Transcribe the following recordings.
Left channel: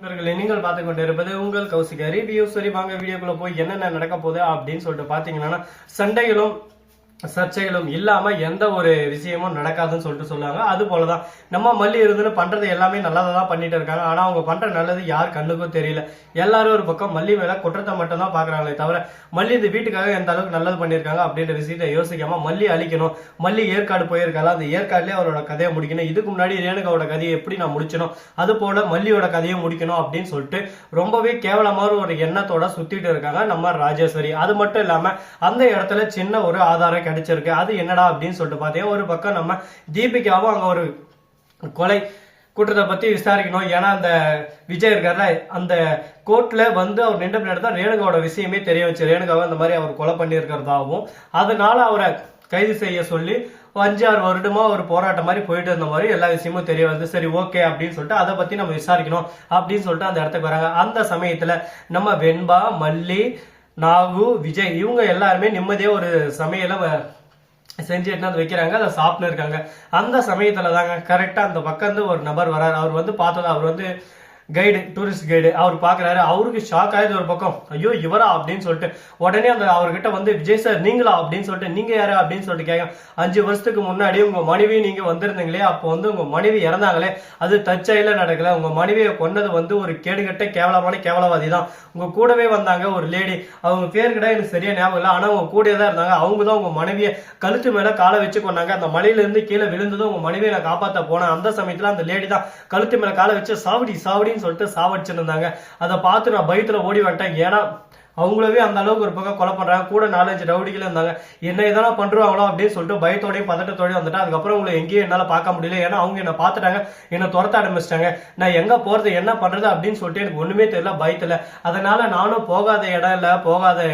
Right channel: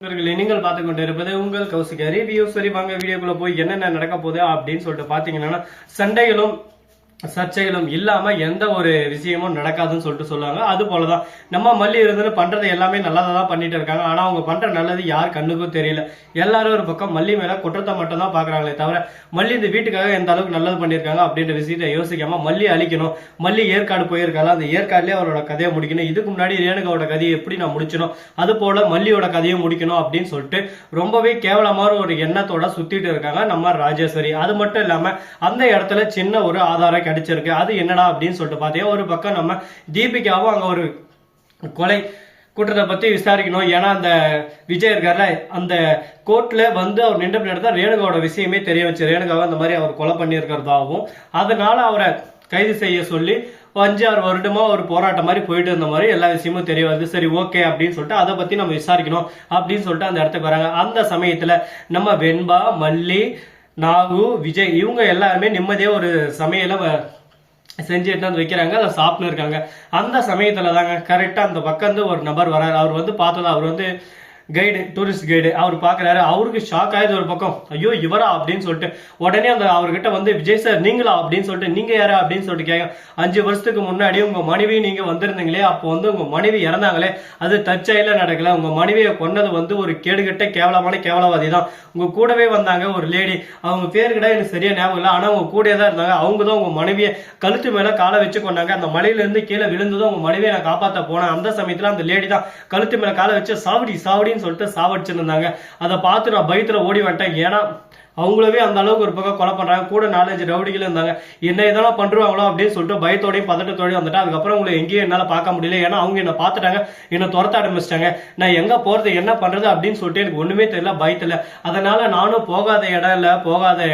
நீங்கள் பார்த்து கொண்டு இருப்பது உங்கள் கௌசிகா ரிவ்யூ. சரி வாங்க வீடியோக்குள்ள போய் என்னென்ன நடக்க போகுது அப்படின்னு சொல்லிட்டு பாத்தீங்கன்னா, சண்டைகளும் சர்ச்சைகளும் இல்லாம எந்த ஒரு விஷயமும் நடக்காதுன்னு சொல்லிட்டு சொல்லுவாங்க. அது போலதான் நம்ம மல்லி இருந்து பண்றது எல்லாமே நல்லதா தான் பண்ணிட்டு இருக்காங்க. ஆனா அவங்க பண்ற நல்லது யார் கண்ணுக்கும் தெரியல. எல்லாரும் ஒரு பக்கம் மல்லி மேல குற்றத்தை மட்டும் தான் பாக்குறாங்களே தவிர மல்லி இந்த வீட்டுக்காக எந்த அளவுக்கு நல்லது பண்ணியிருக்காங்க அப்படின்ற விஷயத்தை யோசிக்காம மல்லி அழிக்கணும். மல்லி ஏற்காடு போயிருக்காங்க, அந்த ஏற்காடுலயே அவரோட கதையை முடிக்கணும். இதுக்கு முன்னாடி ரேணுகாவோட கதையை எப்படி நான் முடிச்சணும், அது போல மல்லியோட கதையை முடிக்கணும் அப்படின்னு சொல்லிட்டு ரொம்பவே கேவலமான ஒரு எண்ணத்தோட சுத்திட்டு இருக்காங்க நம்ம ராஜேஸ்வரி. அது மட்டும் இல்லாம அந்த இடத்துல சின்ன ஒரு ஆதாரம் கிடைச்சிருக்கு. அது என்னடா அப்படின்னு சொல்லிட்டு பார்த்தீங்கன்னா, ஒரு பக்கம் நம்ம தீபிகாவும் அங்க ஒரு கொலை குற்றத்தை பத்தி விசாரிக்கணும். ஏன்னா அந்த விஜய் இருக்கார்ல, அந்த கோர்ட்ல வந்து அவர் நின்ற பின்னாடி தான் ரேணுகாவோட விஷயமே தெரிய வச்சு, ரேணுகாவை அந்த மாதிரி அவர் கொலை பண்ணியிருக்கிறதாகவும் அதனால அவரை கைது செய்ய சொல்லி 5-6 வருடமா ஒரு போராட்டம் மாதிரி போயிட்டு இருந்த மாதிரி எல்லா விஷயமும் தெரிய வருது. சரி ஓகே அப்படின்னு சொல்லிட்டு அதை பத்தி நம்ம விசாரிக்கணும் அப்படின்னு சொல்லிட்டு அந்த இடத்துக்கு வராங்க. அந்த சமயத்துல நம்ம வெண்பா, மல்லி, நாகு, விஜய் இவங்க எல்லாருமே நிம்மதியா ஒரு சமையல செஞ்சு எடுத்து வைக்கிறாங்க. அதை சாப்பிட்டு இருக்காங்க. அந்த சமயத்துல தாங்க கரெக்டா அந்த பக்கம் இருந்து ஒரு நபர் வராரு. அவர் வந்து பார்த்ததா, அவர் வந்து கைடு, டூரிஸ்ட் கைடு. அவர் பாக்குறாரு, அவருக்கு ஷாக் ஆயுது ஒரு பக்கம், ஐயோ இவரா அப்படின்னு சொல்லிட்டு உடனே அந்த அவர்கிட்ட வந்து விஜய் சார் நீங்களா அப்படின்னு சொல்லிட்டு, நீங்க யாரா அப்படின்னு சொல்லிட்டு கேட்க, 5 வருஷத்துக்கு முன்னாடி உங்க மனைவி நீங்க வந்திருந்தீங்களே, அப்போ வந்து உங்க மனைவி இறந்தாங்களே, அது தற்செயல நடக்கல. உங்க மனைவியை கொண்டது வந்து ஒரு கேடுகட்ட கேவலமான கேவலவாதி தான். உங்க கூடவே வந்தாங்க ஒரு லேடி, அவங்க பேர் கூட எனக்கு சரியா ஞாபகம் இல்லை, ஆனா உங்க கூடயே தான் இருந்தாங்க. அவங்க தான் உங்க மனைவியை கழுத்து மேல காலை வச்சு கொண்டாங்க. அந்த மலையில இருந்து கீழே விழுந்ததும் உங்க மனைவியை நான் காப்பாற்ற போனேன். அந்த சமயத்துல அந்த லேடி தான் கழுத்து மேல காலை வச்சு சாவடி சாவடி சொல்லிட்டு சாவடிச்சிருந்தாங்க. அதை பார்த்து நான் பயத்துல ஓடி வந்துட்டேன். ஏன்னா அவங்களவே அந்த அளவுக்கு ஒரு பக்கம் கொலை பண்றாங்க, கூட 4-5 ரவுடிகள் இருந்தாங்க. என்ன இதெல்லாம் பண்றாங்களோ அப்படின்னு சொல்லிட்டு பயத்தோடையும் பதட்டத்தோடையும் வந்துட்டேன். அதுக்கப்புறம் உங்களை எங்கேயும் என்னால பார்க்க முடியல. ஏன்னா அவங்க என்ன பார்த்துட்டாங்க, என்ன துரத்த ஆரம்பிச்சிட்டாங்க. நான் எங்க போறது என்ன பண்றது அப்படின்னு சொல்லிட்டு எனக்கு ஒண்ணுமே தெரியல பயத்துல. அதனால நானும் போகாத இடம் இல்ல, போகாத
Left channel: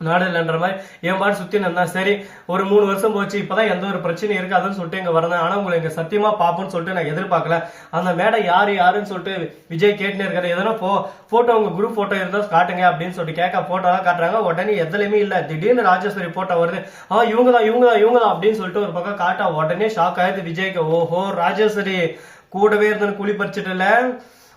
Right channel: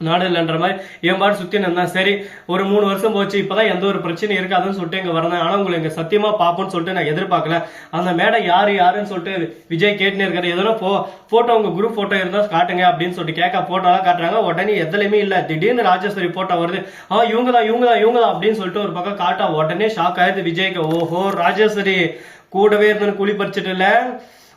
நாடு இல்லைன்ற மாதிரி என் பாட்டு சுத்தி இருந்தேன். சரி ஒரு 3 வருஷம் போச்சு, இப்பதான் எந்த ஒரு பிரச்சனையும் இருக்காதுன்னு சொல்லிட்டு இங்க வரேன். ஆனா உங்களை இங்க சத்தியமா பாப்போம்னு சொல்லிட்டு நான் எதிர்பார்க்கல. அந்த மேடம் யாருன்னு சொல்லிட்டு விஜய் கேட்டுன்னு இருக்காரு. எதனா போட்டோ உங்க குரூப் போட்டோ இருந்தா காட்டுங்க அப்படின்னு சொல்லிட்டு கேட்க போட்டோலாம் காட்டுறாங்க. உடனே எதுலையுமே இல்ல. திடீர்னு ராஜேஸ்வரி போட்டோ வருது. இவங்க தான் அப்படின்னு சொல்லிட்டு ஒரு பக்கம் காட்டா உடனே ஷாக் ஆயிடுது விஜய்க்கு. ஓஹோ ராஜேஸ்வரி கூடவே இருந்து குழி பறிச்சுட்டு இல்ல,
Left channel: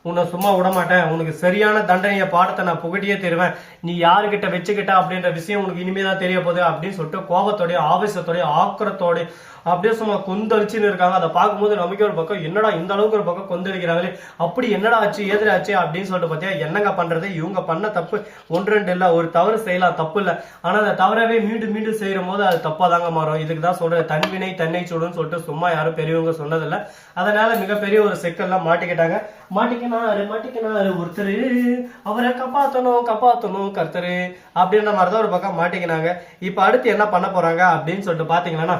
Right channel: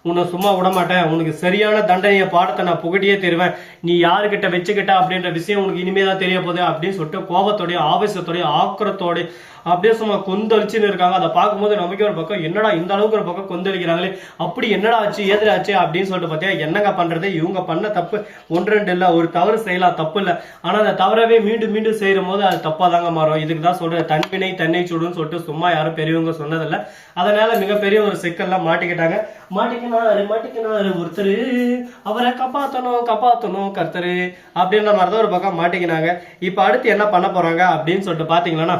உன்னை சும்மா விட மாட்டேன், உனக்கு சரியான தண்டனைய பாடத்தை நான் புகட்டியே தருவேன், நீ யாருக்கிட்ட வச்சுக்கிட்ட அப்படின்ற விஷயம் உனக்கு இனிமே தான் தெரிய போகுது அப்படின்னு சொல்லிட்டு கோபத்தோடைய ஆவேசத்தோடைய ஆக்கிரத்தோட அப்படியே சும்மா கொந்தளிச்சுன்னு இருக்காங்க. அதை பார்க்கும்போது நமக்கு ஒரு பக்கம் என்னடா இந்த அளவுக்கு ஒரு பக்கம் கொந்தளிக்கிறாங்களே, அப்படி என்னடா ஆச்சு ஏதிர ஆச்சு அப்படின்னு சொல்லிட்டு பார்த்தீங்கன்னா, என்னங்க பண்றது, இவங்க பண்ண தப்பு 1-2 இல்லை, ஒரு தவறு செய்யலாம் தப்பு இல்லை, ஆனா அந்த தவறவே மீண்டும் மீண்டும் செய்யும் போது அது தப்பா தாங்க மாறும். இதுக்கு தான் சொல்றது தன்வினை தன்னை சுடுன்னு சொல்லிட்டு சும்மா யாரும் பெரியவங்க சொன்னதில்லை. அதனால மிகப்பெரிய ஒரு சிக்கல்லாம் மாட்டிக்கிட்டாங்க. மாட்டிக்கினாரு ஒருத்தர், அவரை காப்பாத்தணும் கர்த்தரு அப்படின்ற மாதிரிதான் ஒரு பக்கம் மாட்டிக்கினாங்க. இப்ப அடுத்து என்ன பண்ண போறாங்க அப்படின்னு சொல்லிட்டு பாத்தீங்கன்னா,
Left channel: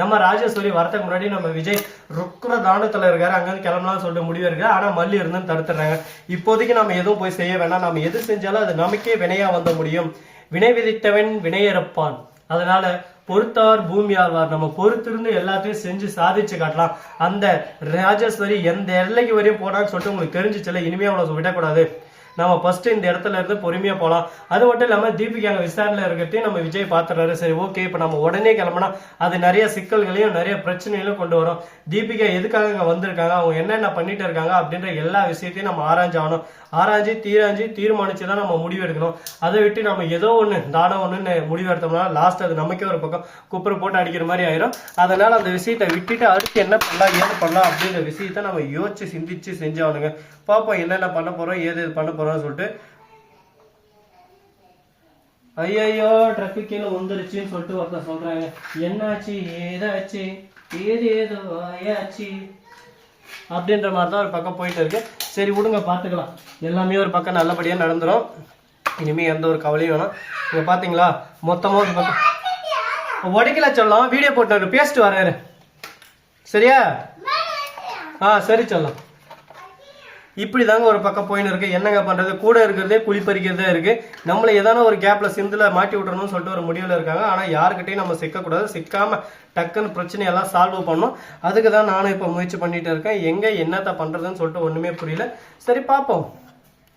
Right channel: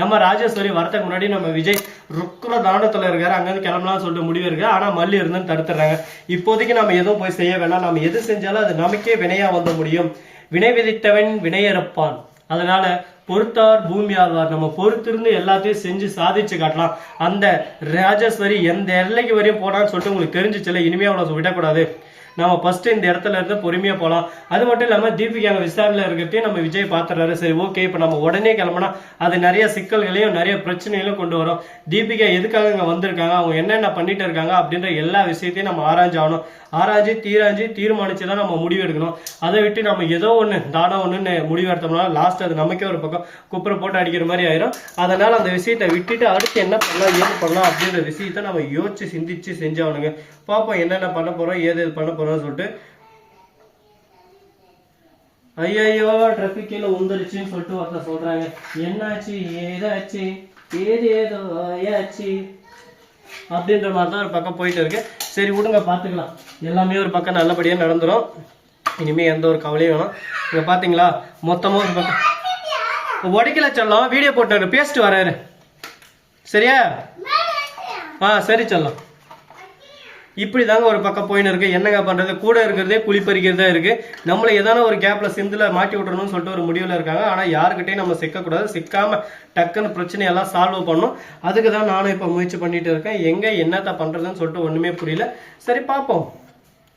நம்ம ராஜேஸ்வரி வரதுக்கு முன்னாடி நம்ம விஜய் ருக்குற தானத்துல இருக்காரு, அங்கிருந்து கிளம்பலாம் சொல்லிட்டு முடிவு இருக்கு. ஆனா மல்லி இருந்துன்னு தடுத்துறாங்க. இப்போதைக்கு நம்ம எதுவும் போய் செய்ய வேணாம், நம்ம எது செஞ்சாலும் அது நமக்கே வினையா வந்து முடியும், வினை விதித்தவன் வினையறுப்பான், அதனால பொறுத்தார் பூமி ஆழ்வார், நம்ம பொறுத்திருந்து எல்லாத்தையும் செஞ்சு சாதிச்சு காட்டலாம். அந்த ராஜேஸ்வரி எந்த எல்லைக்கு வரையும் போனான்னு சொல்லிட்டு உங்களுக்கு தெரிஞ்சிச்சுல, இனிமே அவளை விடக்கூடாது, நம்ம ஃபர்ஸ்ட் இந்த இடத்துல இருந்து பொறுமையா போகலாம். அது மட்டும் இல்லாம தீபிகா அங்க விசாரணையில இருக்கிறதையும் நம்ம விஜய் பாத்துறாரு. சரி ஓகே, இப்ப நம்ம உடனே கிளம்பினா அது நிறைய சிக்கல்களையும் நிறைய பிரச்சனைகளையும் கொண்டு வரும். தீபிகா எதுக்காக இங்க வந்திருக்காங்க, அவங்க என்னென்ன பண்ணிட்டு இருக்காங்க அப்படின்ற எல்லா விஷயத்தையும் நம்ம ஆராய்ச்சி தீர்மானிச்சுதான் நம்ம முடிவு எடுக்கணும். அதை விட்டு நம்ம ஏதோ ஒண்ணு தானம் ஒண்ணு முடிவு எடுத்தோம்னா லாஸ்ட் அது நமக்கே ஒரு பக்கம் குப்பரை போட்டு அடிக்கிற மாதிரி ஆயிரும். அதனால அந்த விஷயத்தை விட்டுட்டு அடுத்து என்ன பண்ணலாம் ஏது பண்ணலாம் அப்படின்ற விஷயத்த நம்ம யோசிச்சு சிந்திச்சு செஞ்சாவணுங்க. பாப்போம் என்னென்ன பண்ண போறோம் ஏது பண்ண போறோம்னு சொல்லிட்டு. ஐயோ டிராபிக் கீழே உந்துருச்சுன்னு சொல்லிட்டு ஒருத்தர் சொல்றாங்க. என்னாச்சு ஏதாச்சு ஏதேதோ ஆயாச்சு அப்படின்ற மாதிரி தான் ஒரு பக்கம் போயிட்டு இருக்கு. சரி விடுங்க பாத்துக்கலாம், எல்லாமே ஒரு பக்கம் நல்லபடியா நடந்துரும், இனிமே எந்த ஒரு கவலையும் வேணும். இங்க பாத்தீங்களா மொத்தமா ஒரு பக்கம் உடைக்கல சொல்லலாம், வீடியோ போட்டு பேசிட்டு வராரு சரியா. சரி சொல்லலாம். இப்படிதாங்க ஒரு பக்கம் போயின்னு இருக்கு. என்னங்க பண்றது, கூட இருக்கிறதே குழி பறிக்கிறதா இருக்கு. நம்மள ஏதான ஒரு கேப்ல சிந்துல மாட்டி விட்டுறணும்னு சொல்லிட்டு ஒரு முடிவுல இருக்காங்க. ஆனா யாருக்கிட்டையும் நம்ம சிக்கக்கூடாது, சிக்காம டக்குன்னு பிரச்சனையெல்லாம் சால்வ் பண்ணும். அதுக்கு தான் நானும் இப்ப முயற்சி பண்ணிட்டு இருக்கேன். எங்க என்னத்த பண்றதுன்னு சொல்லிட்டு ஒண்ணுமே புரியல. சரி பார்ப்போம்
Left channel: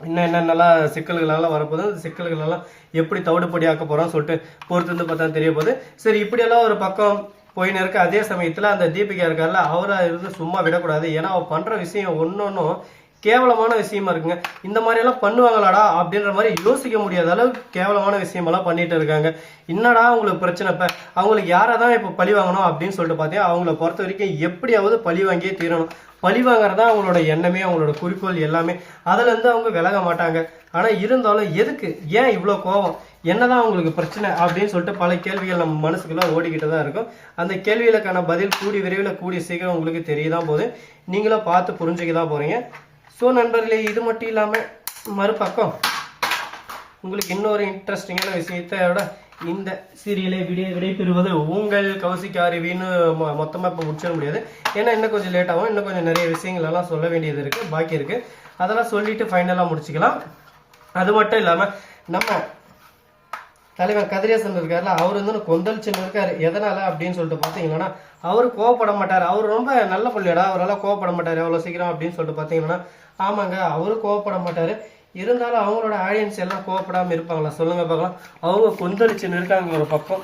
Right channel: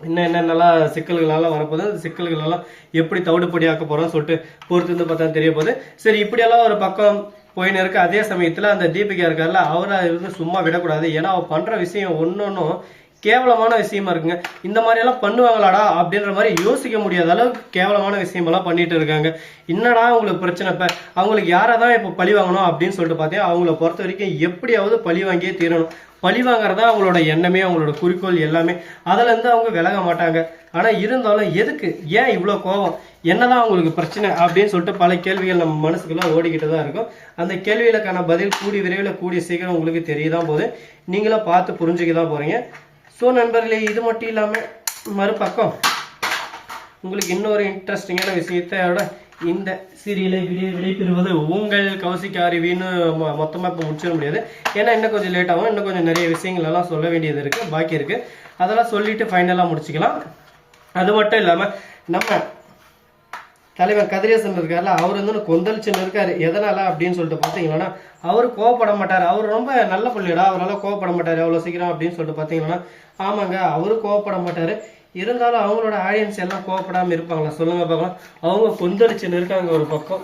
இன்னும் என்னென்னலாம் சிக்கல்களெல்லாம் வரப்போகுது, அந்த சிக்கல்கள் எல்லாம் எப்படி தவிடுபடி ஆக்க போறோம்னு சொல்லிட்டு பொறுத்து வந்து பார்த்தா தெரிய போகுது. சரி இப்படியெல்லாம் ஒரு பக்கம் போயின்னு இருக்கு. அதே சமயத்துல அந்த தீபிகா இருக்கார்ல, அவரை இருந்து சும்மா விடக்கூடாது. ஏன்னா அவ பண்ற விஷயம் ஒன்னொன்னும் கேவலமான விஷயமா இருக்குங்க. இந்த மாதிரி எல்லாம் பண்ணுவாங்களாடா அப்படின்ற மாதிரி யோசிக்க முடியாத அளவுக்கு கேவலமான விஷயமெல்லாம் பண்ணிட்டு இருக்காங்க. என்னடா உங்களுக்கு பிரச்சனை? இப்ப அவங்களுக்கு யாராதான் இப்ப பழி வாங்கணும் அப்படின்னு சொல்லிட்டு பார்த்தீங்கன்னா அவங்கள பொறுத்த வரைக்கும் எப்படியாவது பழி வாங்கியே தீரணும். பழி வாங்குறதா அவங்களோட எண்ணமே, அவங்களோட குறிக்கோள் எல்லாமே. அதுல இருந்து அவங்க விலக மாட்டாங்க. ஆனா இருந்தாலும் எதுக்கு, ஏன் இவ்வளவு கோபம், என்னதான் அவங்களுக்கு பிரச்சனை அப்படின்னு சொல்லிட்டு பல கேள்விகள் நம்ம மனசுக்குள்ள ஓடிக்கிட்டு தான் இருக்கும். அந்த கேள்விகளுக்கான பதில் கூடி விரைவில் கூடிய சீக்கிரம் உங்களுக்கு தெரியதான் போது, நீங்களும் பார்த்து புரிஞ்சுக்க தான் போறீங்க. ஸோ நண்பர்களே, இது மட்டும் இல்லாமல் மறுபக்கம் உங்களுக்கு இன்னொரு இன்ட்ரெஸ்டிங்கான விஷயத்தோட இந்த சீரியலை விடைபெறுவது உங்கள் கௌசிக் அருவின்னு மொத்தமாக இப்போ முடிச்சிட முடியாது. ஏன்னா இன்னும் கொஞ்சம் லேட் ஆகும். இன்னும் கொஞ்சம் நிறைய விஷயங்கள் எல்லாம் சொல்ல வேண்டியது இருக்குது, பாக்கி இருக்குது. அதெல்லாம் சொல்லிட்டு ஃபைனலாக முடிச்சுக்கலாம். அது மட்டும் இல்லாமல் நம்ம தலைவர் கதிரேசன் இருக்காருல்ல, அவர் வந்து கொந்தளிச்சுன்னு இருக்காரு. எதனால அப்படின்னு சொல்லிட்டு பார்த்தீங்கன்னா, அவர் கோவப்பட மாட்டார். அவர் ரொம்ப நல்ல பிள்ளைடா, அவரால் கோவப்பட மாட்டார் எவ்வளோ சீக்கிரம் அப்படின்னு சொல்லிட்டு பார்த்தீங்கன்னா, ஆமாங்க, அவரு கோவப்பட மாட்டாரு. இருந்தாலும் அவங்களோட ஆடியன்ஸ் எல்லாம் கோவப்படாமல் இருப்பாங்களா சொல்லுங்க பார்க்கலாம். அவங்க கொந்தளிச்சுன்னு இருக்காங்க ஒரு பக்கம்.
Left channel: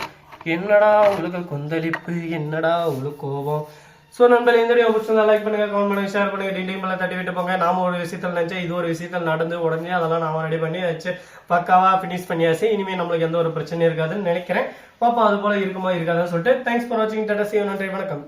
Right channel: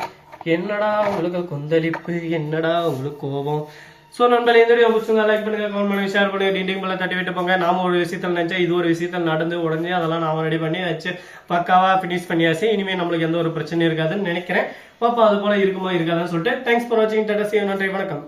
என்னடா உங்களுக்கு கொந்தளிப்பு, என்னடா உங்களுக்கு கோபம். ஸோ நண்பர்களே, இந்த வீடியோ பிடிச்சிருந்தா லைக் பண்ணுங்க, கமெண்ட் பண்ணுங்க, ஷேர் பண்ணுங்க, டிண்டிங் மேலே தட்டி விட்டு போங்க. நாம ஒரு விஷயத்தில் நினைச்சா இது ஒரு விஷயத்தில் நடந்து உடஞ்சி அதெல்லாம் நாம ரெடி பண்ணி வச்சு பக்காவா ஃபினிஷ் பண்ணியாச்சு. இனிமேல் நம்மளுக்கு எந்த ஒரு பிரச்சனையும் இருக்காதுன்னு நினைக்கிறேன். பாப்பா அது போல இருக்குமா இருக்காதுன்னு சொல்லிட்டு தேங்க்ஸ் ஃபார் வாட்சிங். டாடா, see you, நன்றி, வணக்கம்.